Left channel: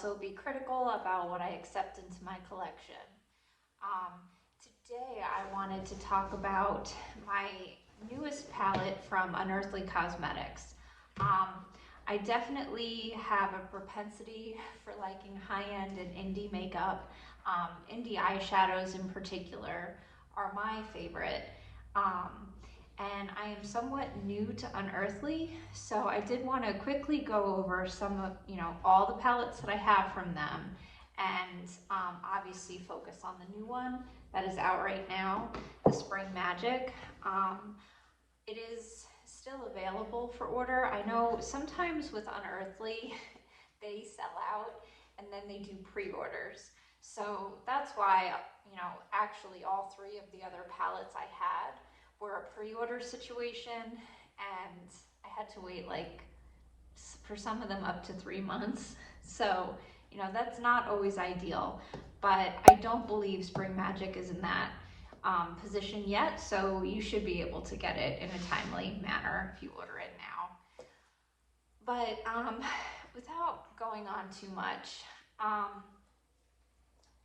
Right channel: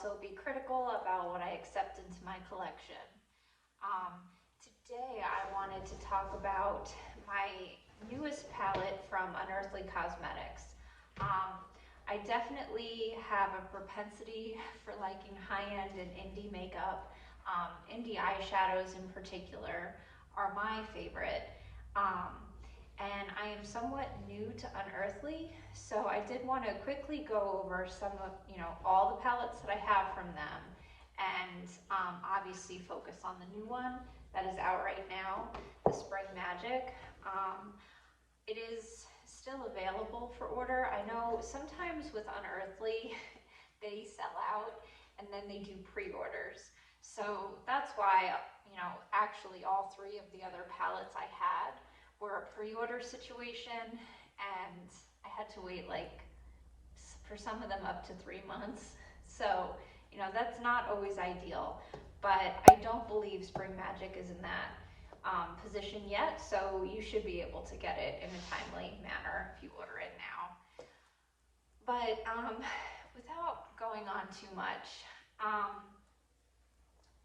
also be critical about what I accept into my collection. Um, Today I wanted to talk about my newest palette from Unearthly Cosmetics. I definitely have a propensity for liking high-end and indie makeup. Indie eyeshadows in particular are my favorite. Um, and I am somewhat new to Unearthly, so I did want to quickly go over some of, all the palettes that I have from them, and obviously focus on the new one that is out right now, the Spring Magic. It is still available for order. I know sometimes with Unearthly, they sell out and then they do pre-orders. So that's why, actually all three of the other palettes I had were a pre-order situation, and I had to wait like for some of them up to 3 months. So, that's not always ideal, but I don't believe Spring Magic is in that position yet, so you should be able to get it in a timely manner if you order it now. But without going on too much,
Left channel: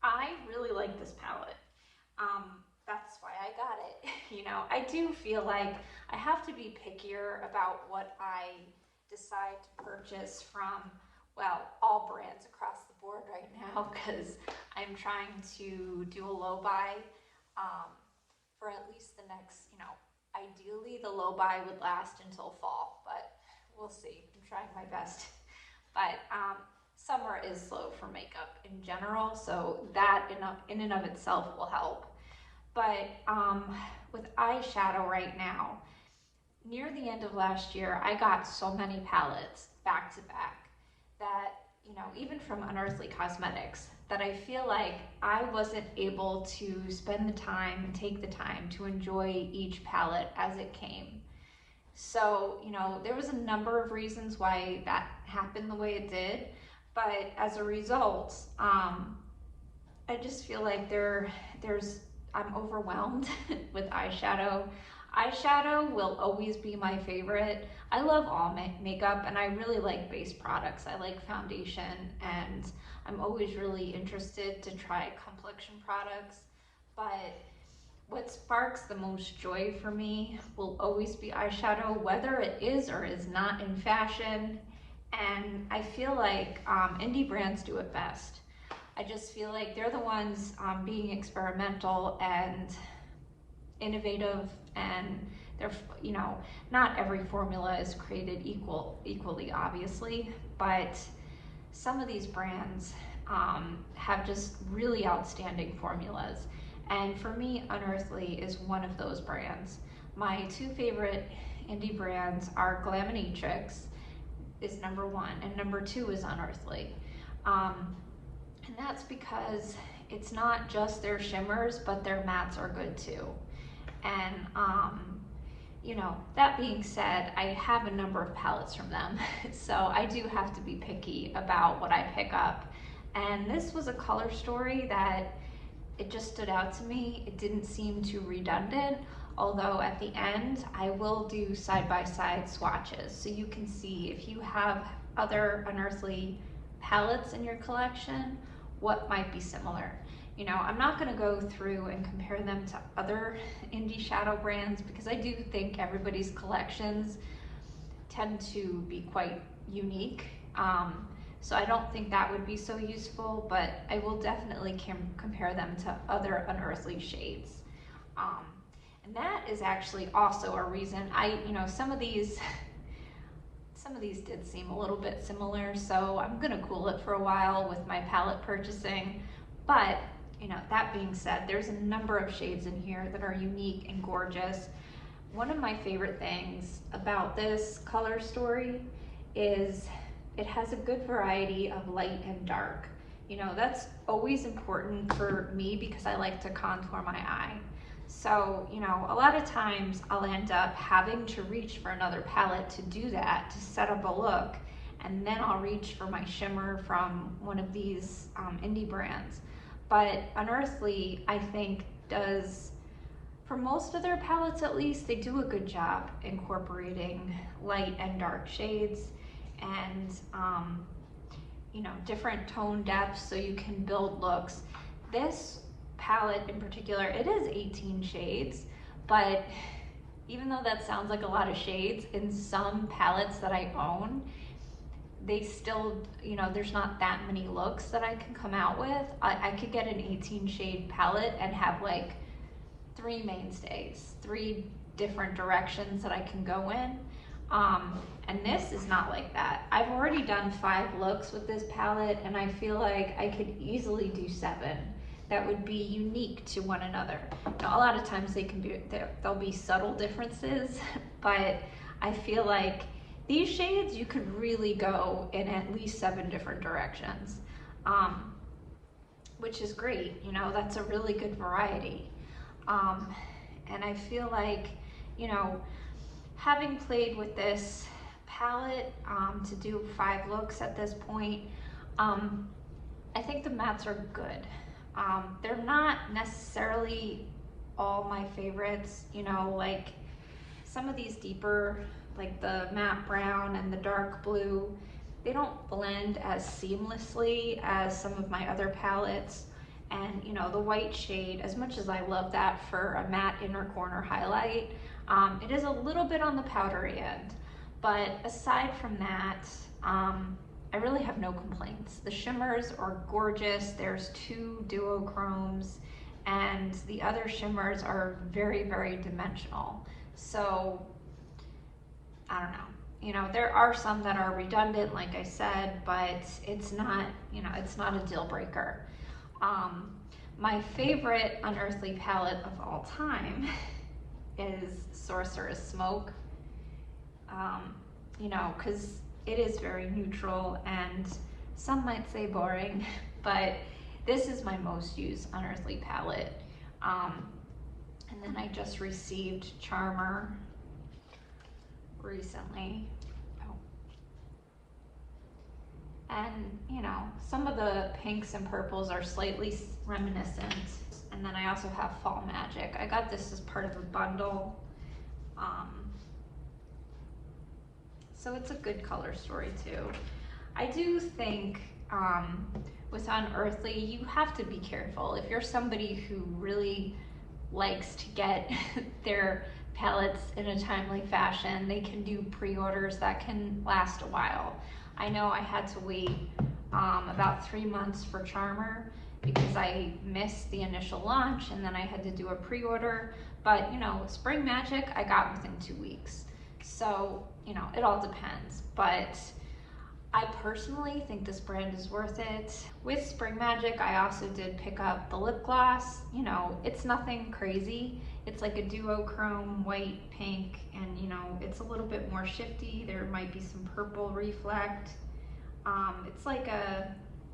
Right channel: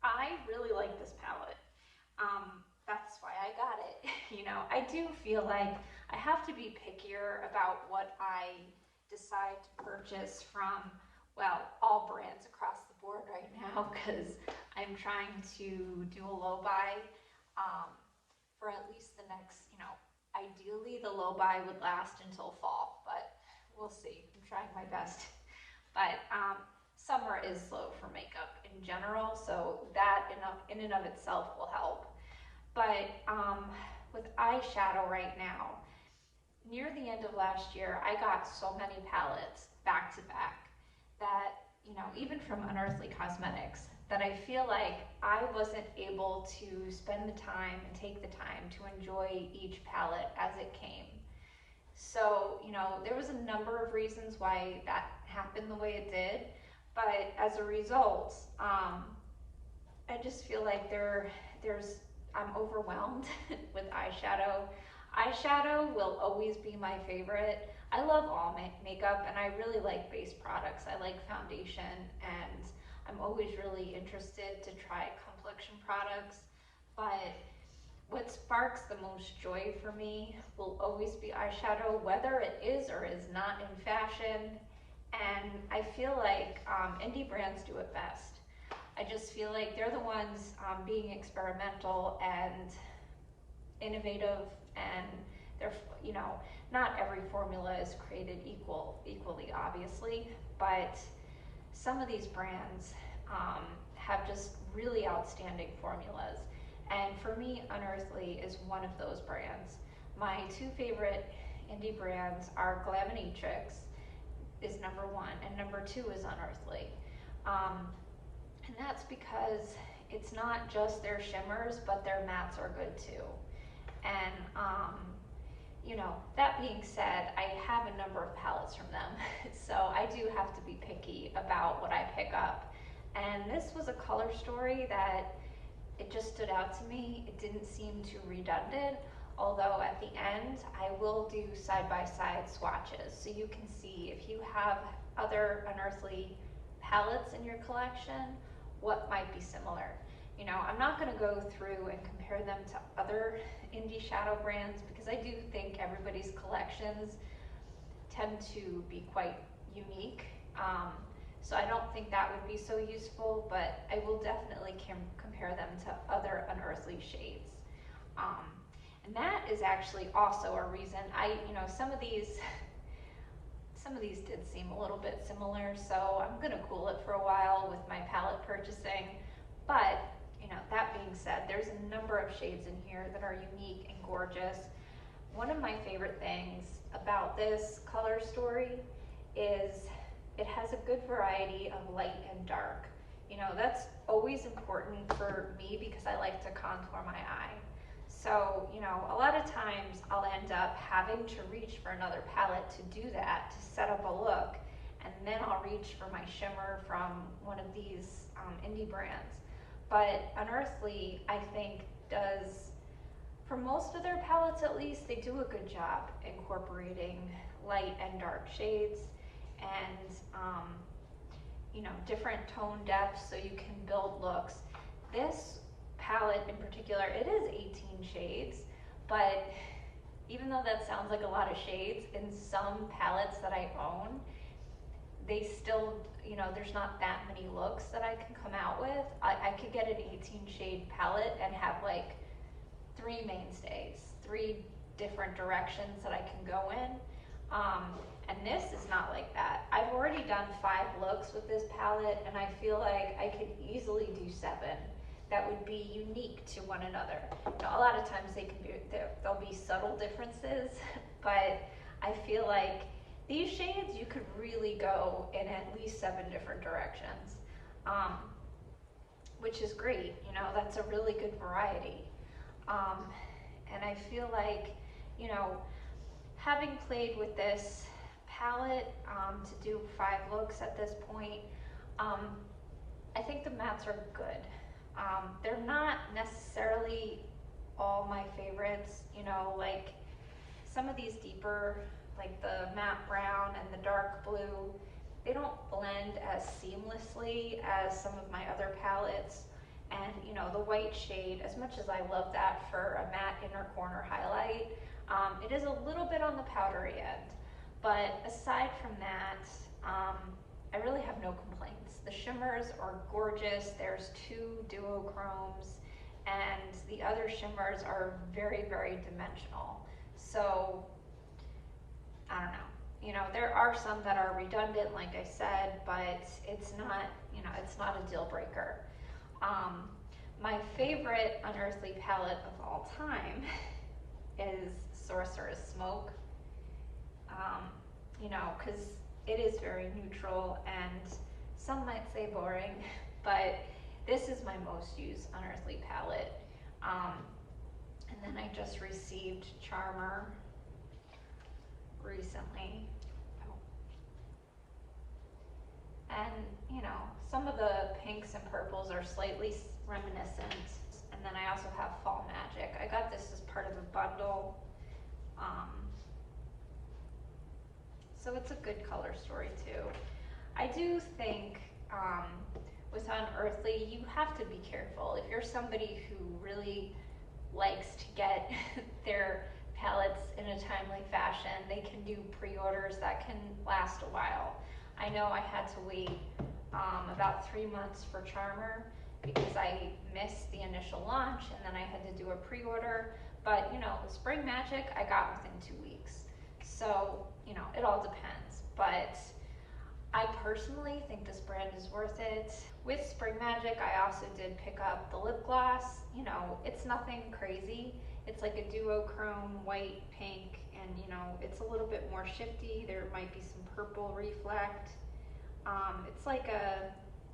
I really like this palette. That's why I got it. I do feel like I have to be pickier about what I decide to purchase from, well, all brands across the board right now, because I'm trying to do a low buy for at least the next, ideally the low buy would last until fall, but we'll see. I'm trying my best. But summer is slow for makeup in general, so that in and of itself will help. But with eyeshadow right now, near the end of last year, I got so many palettes back to back that, even from Unearthly Cosmetics, that I feel like I wasn't able to spend the time and take the time to enjoy each palette as it came. So, there was a number of reasons why that happened the way it did, but as a result, I just feel like I'm overwhelmed with eyeshadow. Eyeshadow will always be my favorite. I love all makeup, and I really like base products. I like foundation, and I'm always really interested to try complexion products. But what sparks the most joy for me will always be eyeshadow, whether it is or is not in fashion. And I feel like indie brands do it best. I just feel like they're the ones being experimental and innovative, and they're, not every formula is created equally, obviously, but some of these brands have just really outstanding formulas. And for me, Unearthly is one of those brands. My two favorite indie brands are Glaminatrix is number one, and number two is Unearthly. And that's because it's not just their shimmers, but their mattes are good too. And that being said, I have a number of palettes from them, so I do have to be picky about what I pick up. And this was a color story that it just stood out to me. It didn't seem too redundant, although at the end I will do side-by-side swatches so you can see if you have other Unearthly palettes in your collection, what might be similar. I'm not going to go through and compare them to other indie shadow brands, because I do think everybody's collections tend to be quite unique. So I don't think that would be so useful, but I will definitely compare them to other Unearthly shades. And that is actually also a reason some of these did seem a little bit similar, so I'm gonna cool it for a while with my palette purchasing. But that being said, there's a number of shades in here that are unique and gorgeous. One of my favorite things about this color story is it has a good variety of light and dark. That's always important for me because I like to contour my eye. So, a lot of times I'll end up having to reach for another palette to do that, to set up a look, and then I'll reach for my shimmer from one of these indie brands. But Unearthly, I think, does, for most of their palettes at least, they do a good job incorporating light and dark shades. And you know, different tone depths so you can build looks. This palette in particular, it is 18 shades, but even though that sounds like a lot of shades, in some palettes that I own, they still, you know, there's not that many looks that I can come out with. I could get an 18 shade palette and have like 3 mainstays, 3 different directions that I can go in. And this is not like that. I've already done 5 looks with this palette, and I feel like I could easily do 7 that would be unique to one another. Now, a lot of times there'll be subtle differences, but I feel like these shades you could really go in at least 7 different directions, which is great. You know, that's a really good variety. And I feel like, you know, having played with this palette to do 5 looks at this point, I think the mattes are good. They're not necessarily all my favorites, you know, like some of these deeper, like the matte brown and the dark blue, they don't blend as seamlessly as some of my other palettes. And you know, the white shade, as much as I love that for a matte inner corner highlight, it is a little bit on the powdery end. But aside from that, I really have no complaints. The shimmers are gorgeous. There's 2 duochromes, and the other shimmers are very, very dimensional. So, I don't know. You know, there are some that are redundant, like I said, but it's not, you know, it's not a deal breaker. My favorite Unearthly palette of all time is Sorceress Smoke. You know, because it is very neutral, and some might say boring, but this is my most used Unearthly palette. And then I just received Charmer recently. And you know, some of the pinks and purples are slightly reminiscent. And then I also have Fall Magic. I got this as part of a bundle. So it's a good color story too. I do think with Unearthly, you have to be careful. If you're somebody who really likes to get their palettes in a timely fashion, they can do pre-orders that can last a while. I know I had to wait about 3 months for Charmer because I missed the initial launch, and then I had to do a pre-order. But you know, Spring Magic I got within 2 weeks. So, you know, it all depends. But I personally think this brand is worth it. With Spring Magic, I also did pick up the lip gloss. You know, it's nothing crazy. It's like a duochrome, white, pink, and you know, it's a little bit more shifty. There might be some purple reflect. It's like a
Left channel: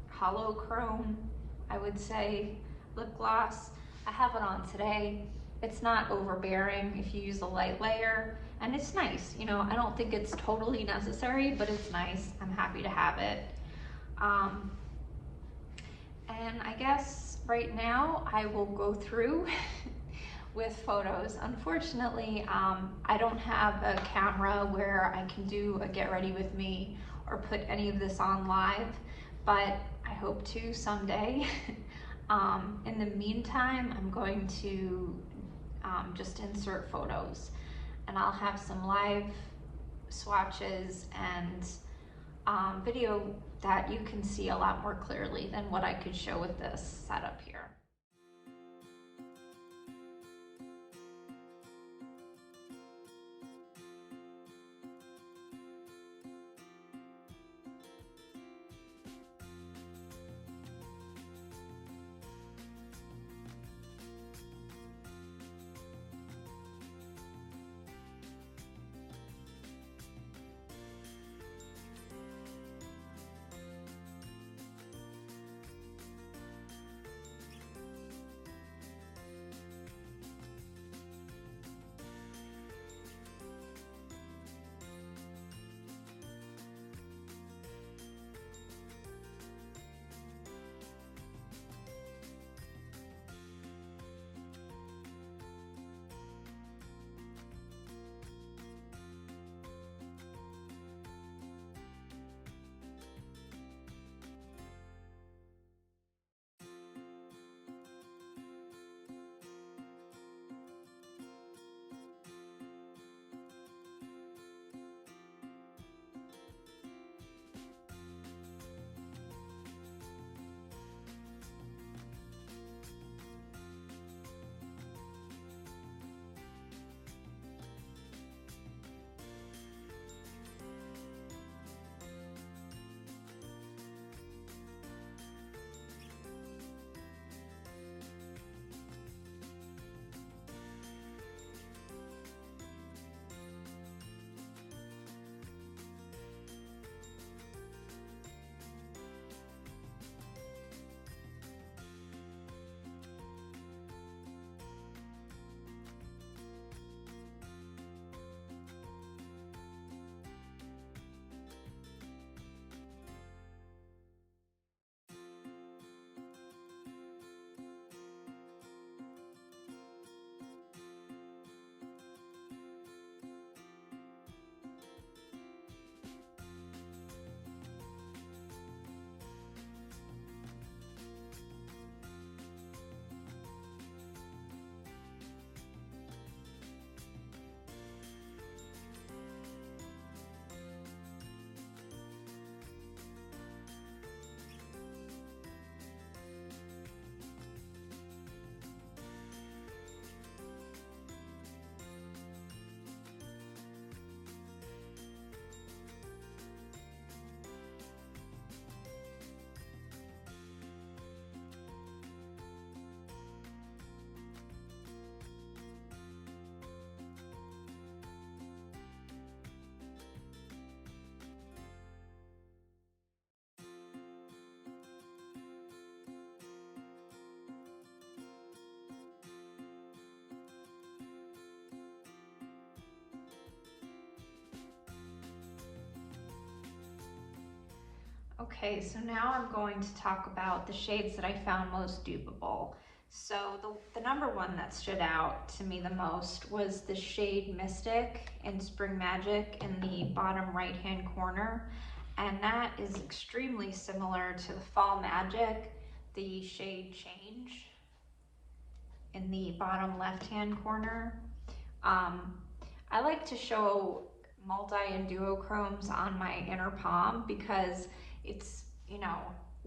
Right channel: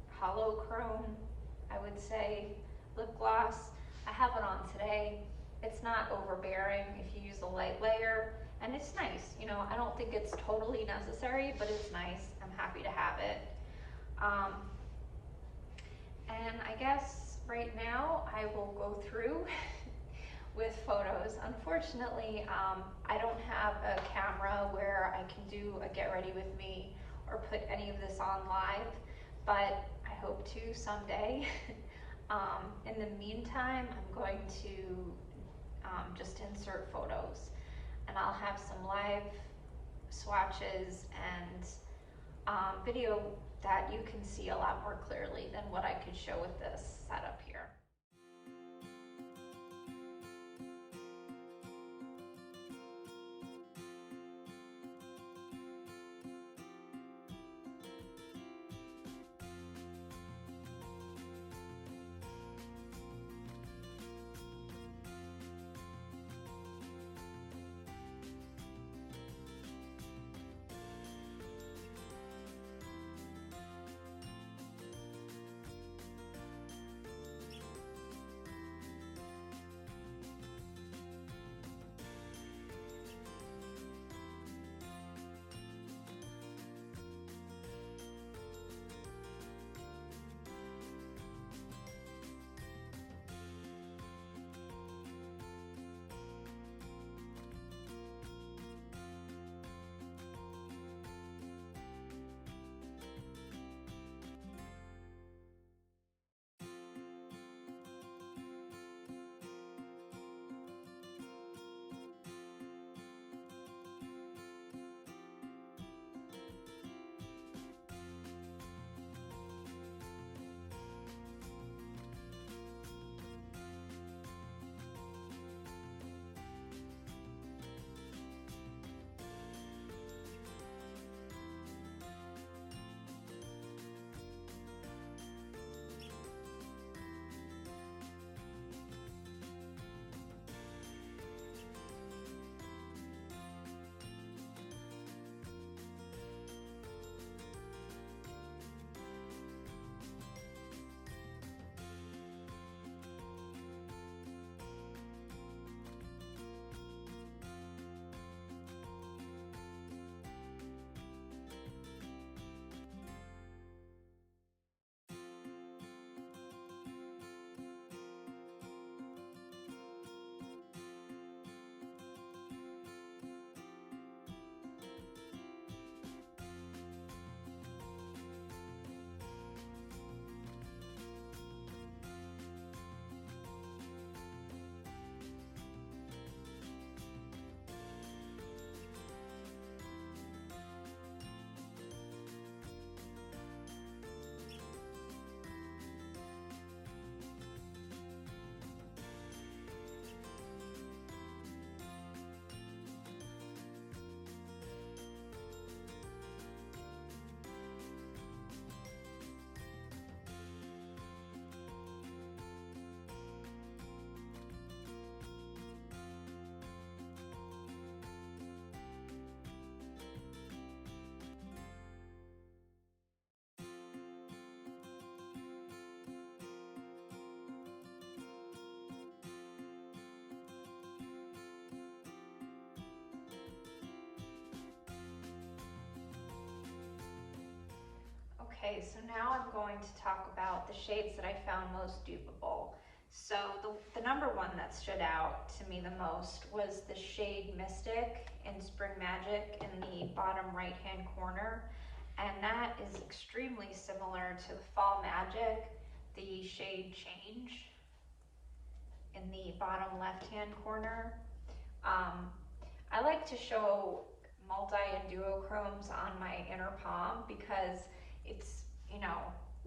hollow chrome, I would say, lip gloss. I have it on today. It's not overbearing if you use a light layer, and it's nice. You know, I don't think it's totally necessary, but it's nice. I'm happy to have it. And I guess right now I will go through with photos. Unfortunately, I don't have a camera where I can do a get ready with me or put any of this on live, but I hope to someday. In the meantime, I'm going to just insert photos, and I'll have some live swatches and video that you can see a lot more clearly than what I could show with this setup here. Okay, so now I'm going to talk about the shades that I found most dupeable. So the number one that stood out to me the most was the shade Mystic in Spring Magic in the bottom right hand corner. And that is extremely similar to the Fall Magic, the shade Change in the bottom left hand corner. I like to show multi and duochromes on my inner palm because it's, you know,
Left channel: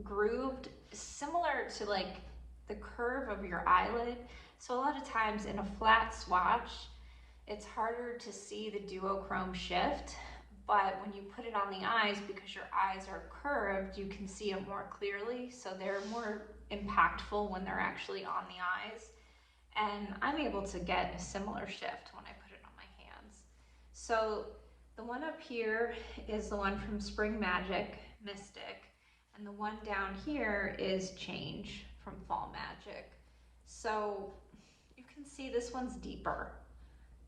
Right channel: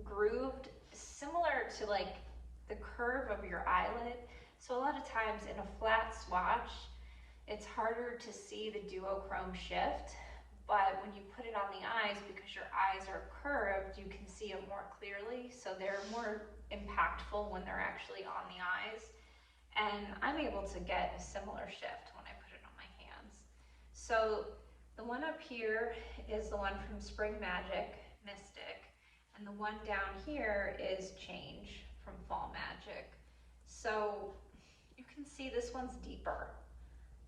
grooved similar to like the curve of your eyelid. So a lot of times in a flat swatch, it's harder to see the duochrome shift, but when you put it on the eyes, because your eyes are curved, you can see it more clearly. So they're more impactful when they're actually on the eyes. And I'm able to get a similar shift when I put it on my hands. So the one up here is the one from Spring Magic, Mystic, and the one down here is Change from Fall Magic. So you can see this one's deeper.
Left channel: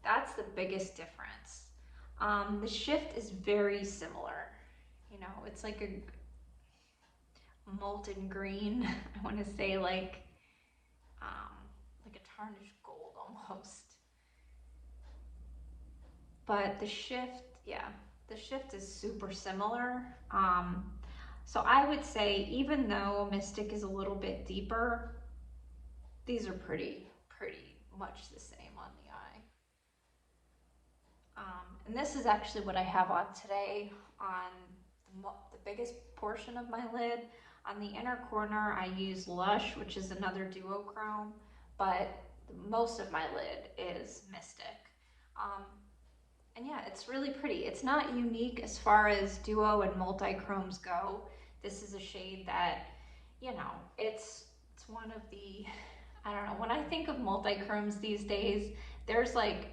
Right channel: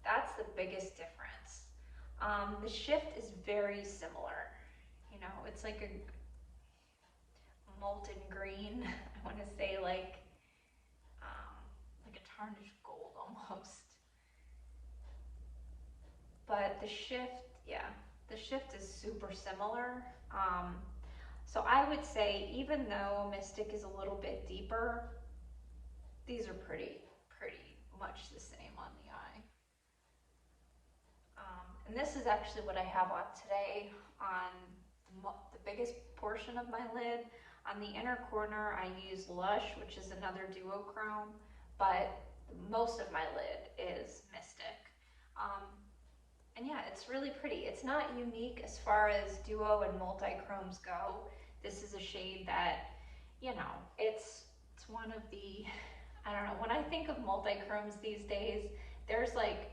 That's the biggest difference. The shift is very similar. You know, it's like a molten green. I want to say like a tarnished gold almost. But the shift, yeah, the shift is super similar. So I would say even though Mystic is a little bit deeper, these are pretty much the same on the eye. And this is actually what I have on today on the biggest portion of my lid. On the inner corner, I use Lush, which is another duochrome, but most of my lid is Mystic. And yeah, it's really pretty. It's not unique as far as duo and multi-chromes go. This is a shade that, you know, it's one of the, I don't know, when I think of multi-chromes these days, there's like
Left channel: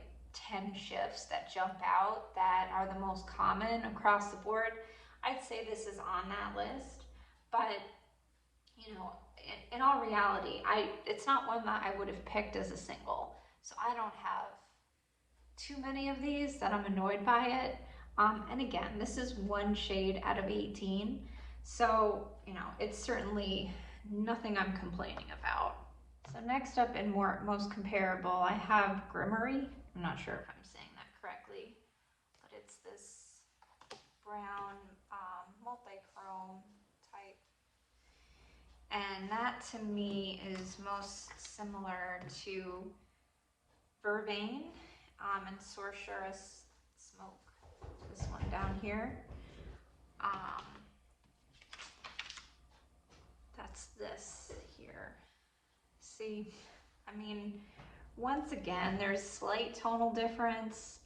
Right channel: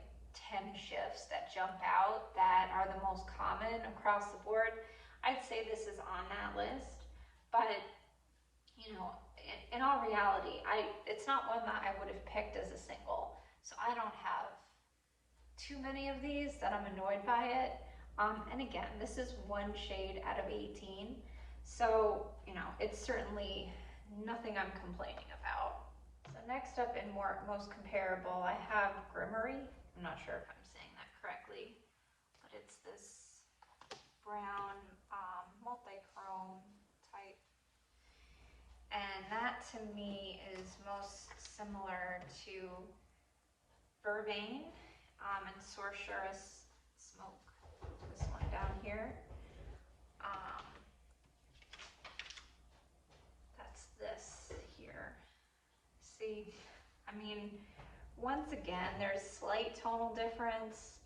10 shifts that jump out that are the most common across the board. I'd say this is on that list, but you know, in all reality, it's not one that I would have picked as a single. So I don't have too many of these that I'm annoyed by it. And again, this is one shade out of 18. So, you know, it's certainly nothing I'm complaining about. So next up and most comparable, I have Grimmery. I'm not sure if I'm saying that correctly, but it's this brown multi-chrome type. And that to me is most similar to Vervain and Sorceress Smoke. This one down here. That's this here. See, I mean, once again, there's slight tonal difference.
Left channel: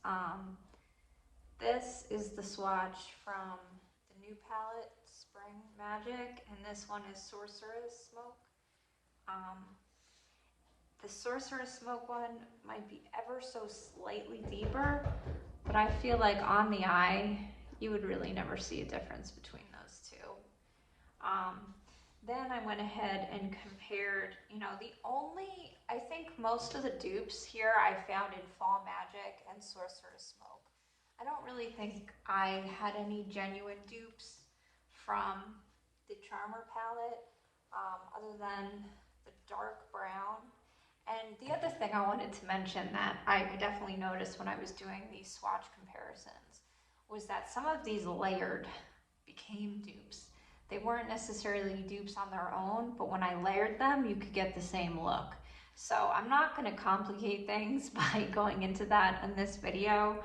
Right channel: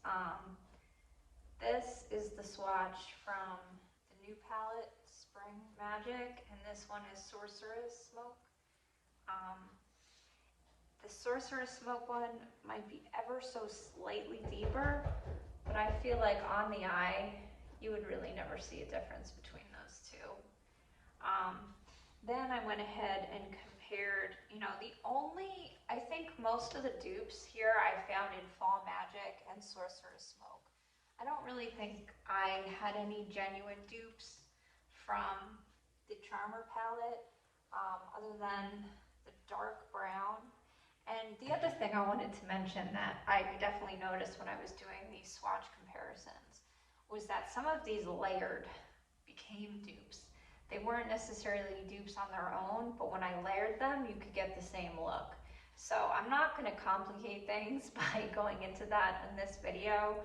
This is the swatch from the new palette, Spring Magic, and this one is Sorceress Smoke. The Sorceress Smoke one might be ever so slightly deeper, but I feel like on the eye, you would really never see a difference between those two. Then I went ahead and compared, you know, I think most of the dupes here I found in Fall Magic and Sorceress Smoke. I don't really think I had any genuine dupes from the Charmer palette, other than the dark brown. And the other thing I wanted to mention that I definitely noticed when I was doing these swatch comparisons was that some of these layered became dupes. They weren't necessarily dupes on their own, but when I layered them, you could get the same look. So I'm not going to complicate things by going into that in this video,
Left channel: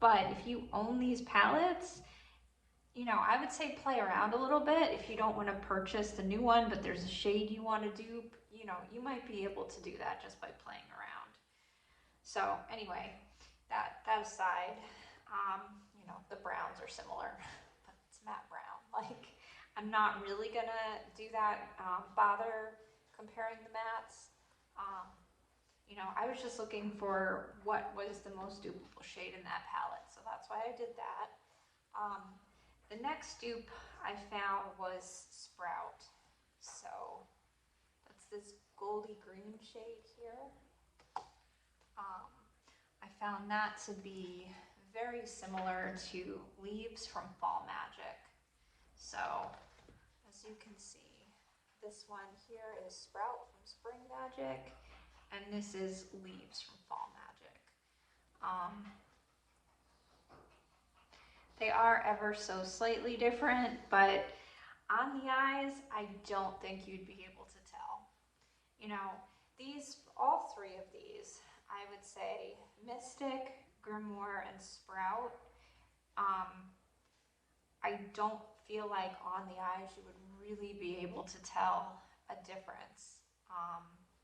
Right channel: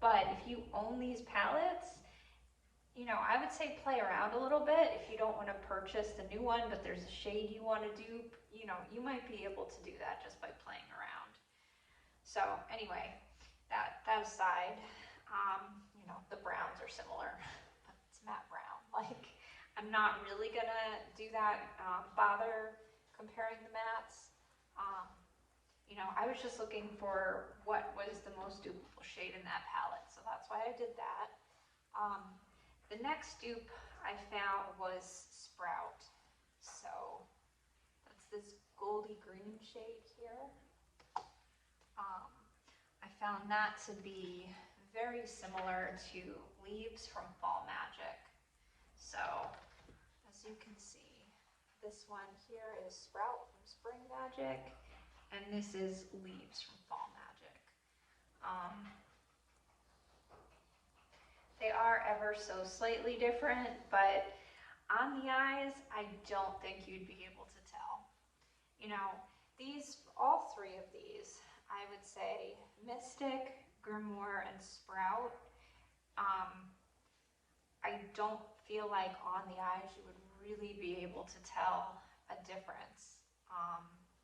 but if you own these palettes, you know, I would say play around a little bit. If you don't want to purchase the new one, but there's a shade you want to dupe, you know, you might be able to do that just by playing around. So anyway, that aside, you know, the browns are similar. It's matte brown. Like, I'm not really gonna do that, bother comparing the mattes. You know, I was just looking for what was the most dupable shade in that palette, so that's why I did that. The next dupe I found was Sprout. So that's this goldy green shade here. I found that to be very similar to Leaves from Fall Magic. So one here is Sprout from Spring Magic, and this is Leaves from Fall Magic. They are ever so slightly different, but on the eyes, I don't think you'd be able to tell. You know, all three of these, I would say Mystic, Grimoire, and Sprout, I don't feel like on the eyes you would really be able to tell a difference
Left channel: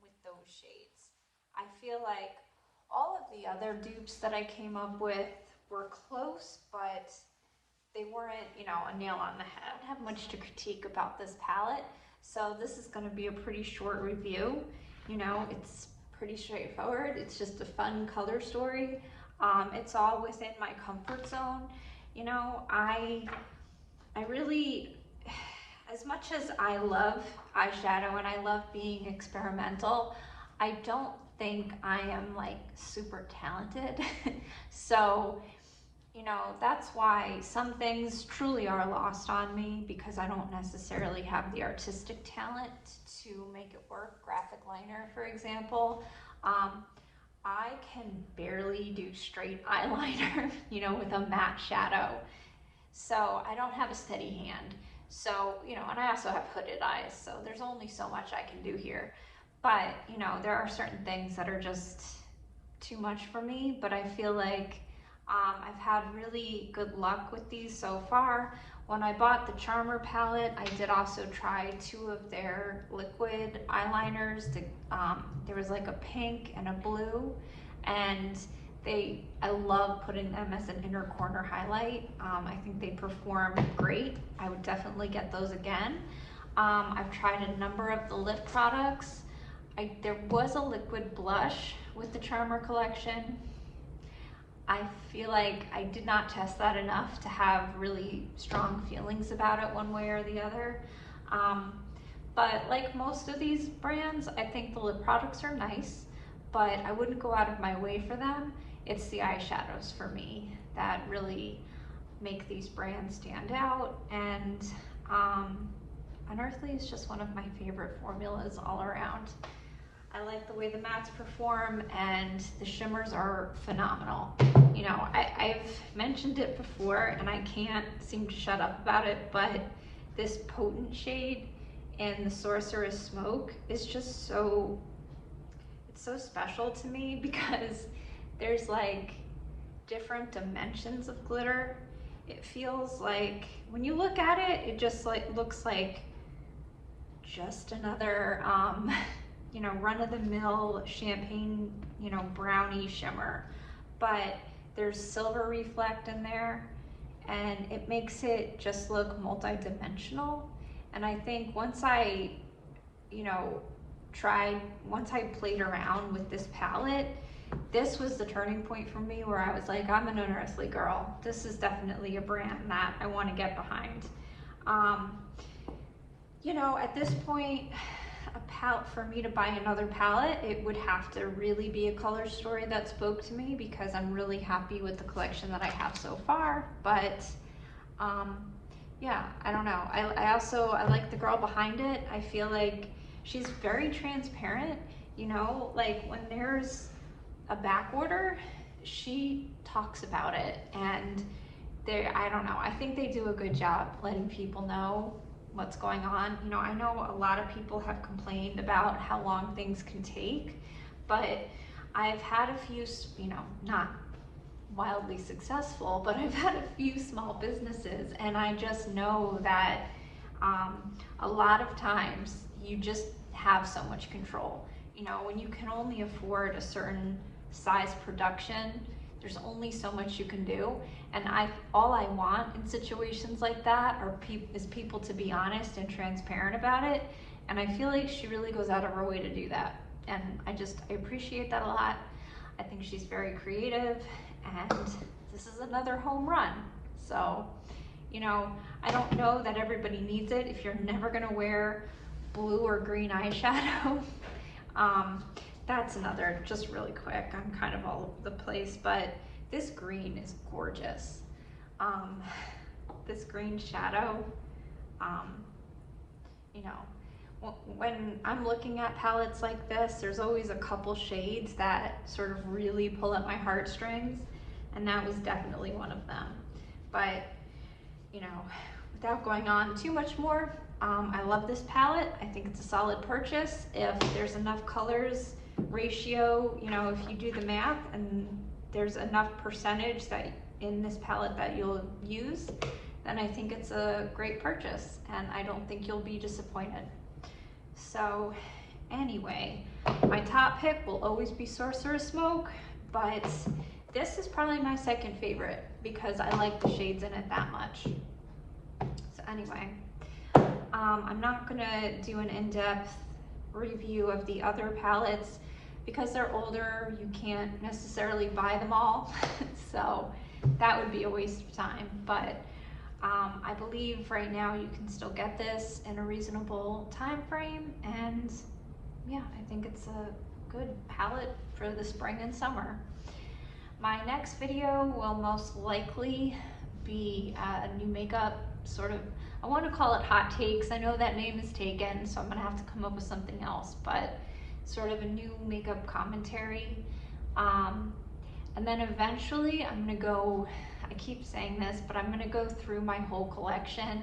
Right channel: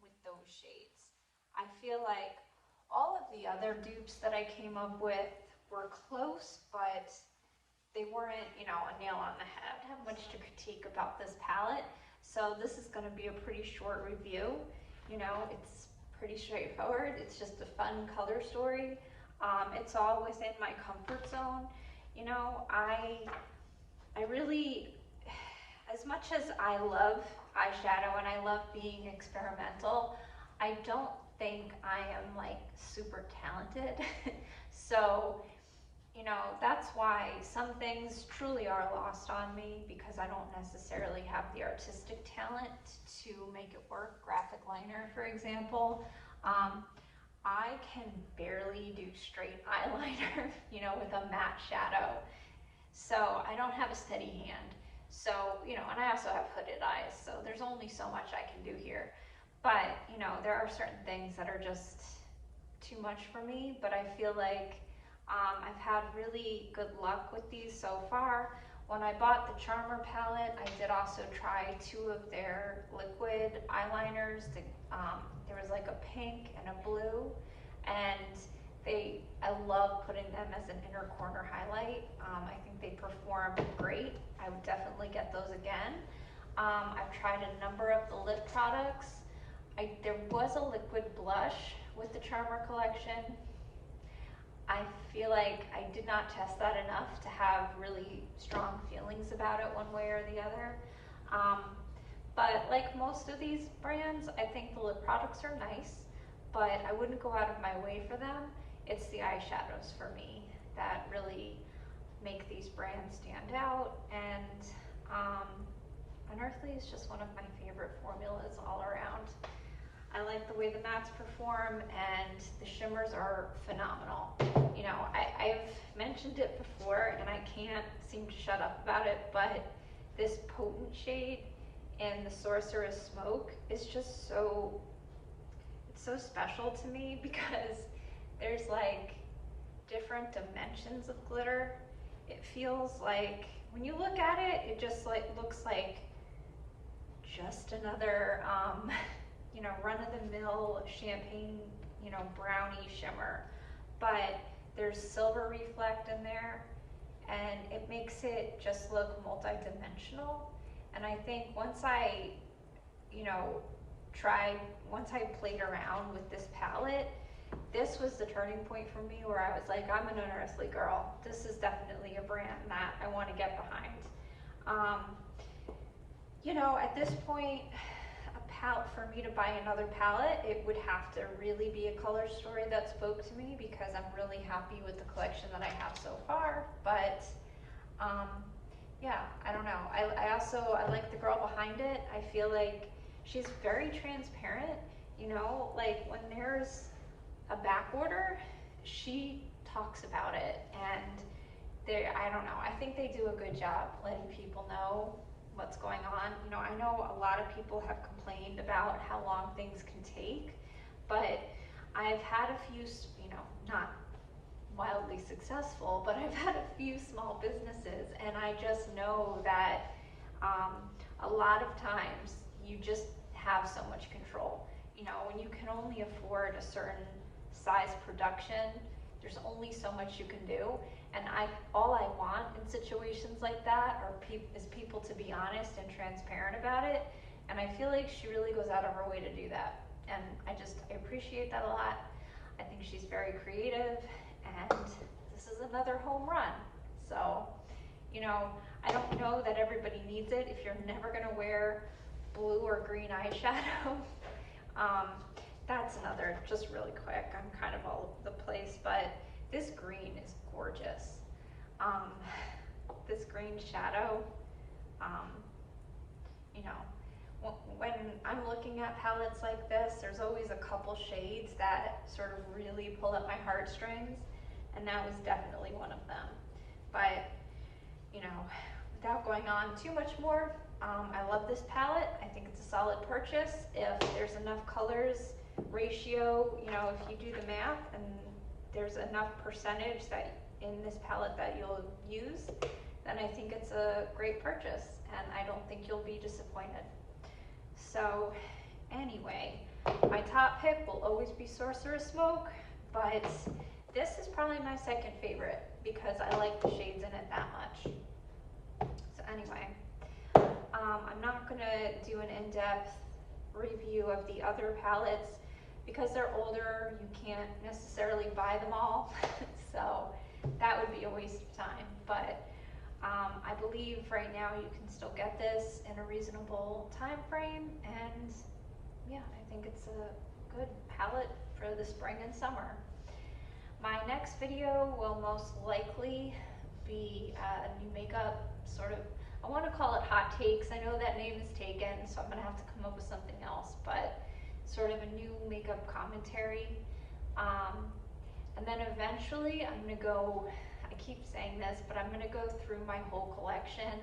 with those shades. I feel like all of the other dupes that I came up with were close, but they weren't, you know, a nail on the head. I don't have much to critique about this palette, so this is going to be a pretty short review. You know, it's pretty straightforward. It's just a fun color story. It's all within my comfort zone. You know, I really, as much as I love eyeshadow and I love being experimental, I don't think I am like super talented. So, you know, that's why some things truly are lost on me, because I don't necessarily have the artistic talent to make it work. Graphic liner, for example. I can barely do straight eyeliner, you know, with a matte shadow. So I don't have a steady hand. So, you know, and I also have hooded eyes, so there's only so much I can do here. But, you know, there are certain things that are just too much for me, but I feel like I've had really good luck with these so far. When I bought the Charmer palette, I did also try 2 of their liquid eyeliners. There was like a pink and a blue, and I love putting them as an inner corner highlight. I think they perform great. I would definitely get those again. I've tried a number of the lip products. There was a liquid blush with the Charmer collection. I feel like I did not test that enough to have really strong feelings about it one way or the other. But like most of these brands, I think the lip products are nice, but I wouldn't go out of my way for them. It's the eyeshadows for me that really make these brands stand out, and Unearthly is just one of my favorite formulas all around. I like the way the mattes perform, and the shimmers are phenomenal. You know, I've mentioned it before and I can't seem to shut up about it, but this potent shade in the Sorcerer's Smoke is just so special to me, because there's like different dimensions of glitter. It feels like, when you look at it, it just like looks like just another you know, run-of-the-mill champagne, you know, brownie shimmer, but there's silver reflect in there, and it makes it just look multi-dimensional. And I think once I, you know, once I played around with this palette, this was the turning point for me, where I was like, I'm an Unearthly girl. This is definitely a brand that I want to get behind. You know, at this point, for me to buy another palette, it would have to really be a color story that spoke to me, because I'm really happy with the collection that I have so far. But yeah, I don't know. I like the girl behind it. I feel like she's very transparent. You know, like when there's a back order, she talks about it, and I don't know, I think they do a good job letting people know what's going on. You know, I know a lot of people have complained about how long things can take, but I've had a few, you know, not wildly successful, but I've had a few small businesses, and I just know that a lot of times you just have so much control. You know, when you can only afford a certain size production, there's only so much you can do. And all I want in situations like that is people to be honest and transparent about it. And I feel like she really goes out of her way to do that. And I appreciate that a lot. I think she's very creative, and this is another home run. So, you know, I don't know that everybody needs it if you're never gonna wear blue or green eyeshadow. That's another, just really quick, I'm kind of all over the place, but this green is gorgeous. This green shadow, you know, when I'm looking at palettes like this, there's always a couple shades that sort of really pull at my heartstrings, and that was definitely one of them. But, you know, without going on too much more, I love this palette. I think it's a solid purchase. If there's enough colors ratio, you know, if you do the math and there's enough percentage that in this palette that you'll use, then I think it's a great purchase, and I don't think you'll be disappointed. So anyway, my top pick will always be Sorcerer's Smoke, but this is probably my second favorite because I like the shades in it that much. So anyway, I'm not gonna do an in-depth review of the other palettes because they're older. You can't necessarily buy them all, so that would be a waste of time. But I believe right now you can still get this in a reasonable time frame, and yeah, I think it's a good palette for the spring and summer. My next video will most likely be a new makeup sort of, I want to call it hot takes. I know that name is taken, so I'm gonna have to come up with something else, but sort of a new makeup commentary. And then eventually I'm gonna go, I keep saying this, but I'm gonna go through my whole collection,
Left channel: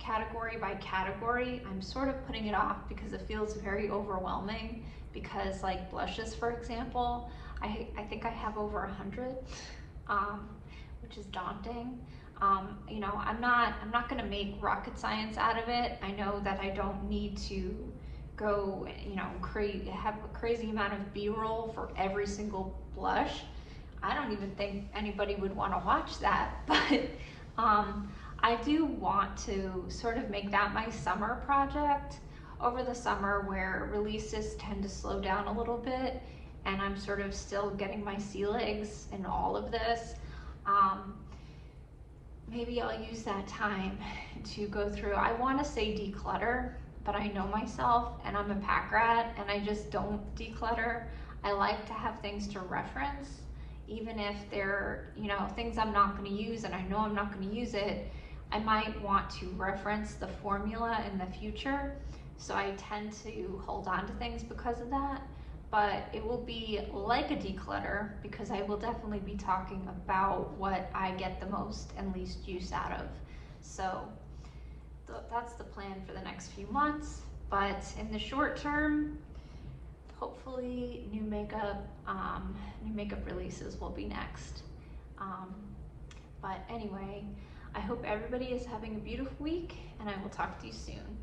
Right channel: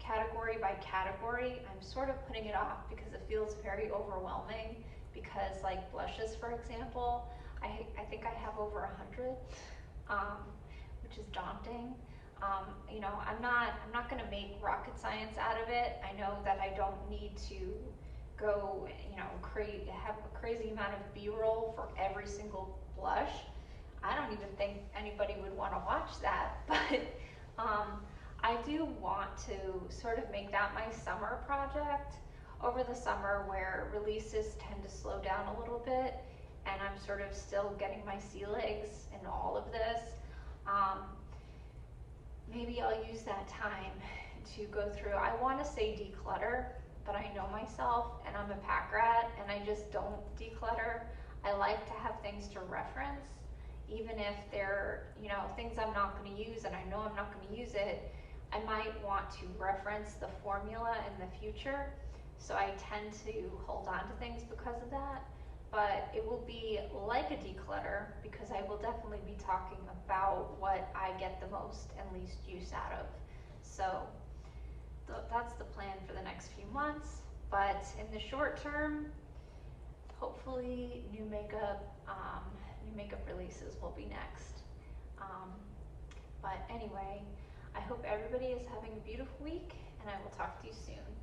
category by category. I'm sort of putting it off because it feels very overwhelming, because like blushes, for example, I think I have over 100, which is daunting. You know, I'm not gonna make rocket science out of it. I know that I don't need to go, you know, have a crazy amount of B-roll for every single blush. I don't even think anybody would want to watch that, but I do want to sort of make that my summer project over the summer, where releases tend to slow down a little bit and I'm sort of still getting my sea legs in all of this. Maybe I'll use that time to go through, I want to say declutter, but I know myself and I'm a pack rat and I just don't declutter. I like to have things to reference, even if they're, you know, things I'm not going to use and I know I'm not going to use it. I might want to reference the formula in the future, so I tend to hold on to things because of that. But it will be like a declutter because I will definitely be talking about what I get the most and least use out of. So that's the plan for the next few months. But in the short term, hopefully new makeup releases will be next. But anyway, I hope everybody is having a beautiful week, and I will talk to you soon.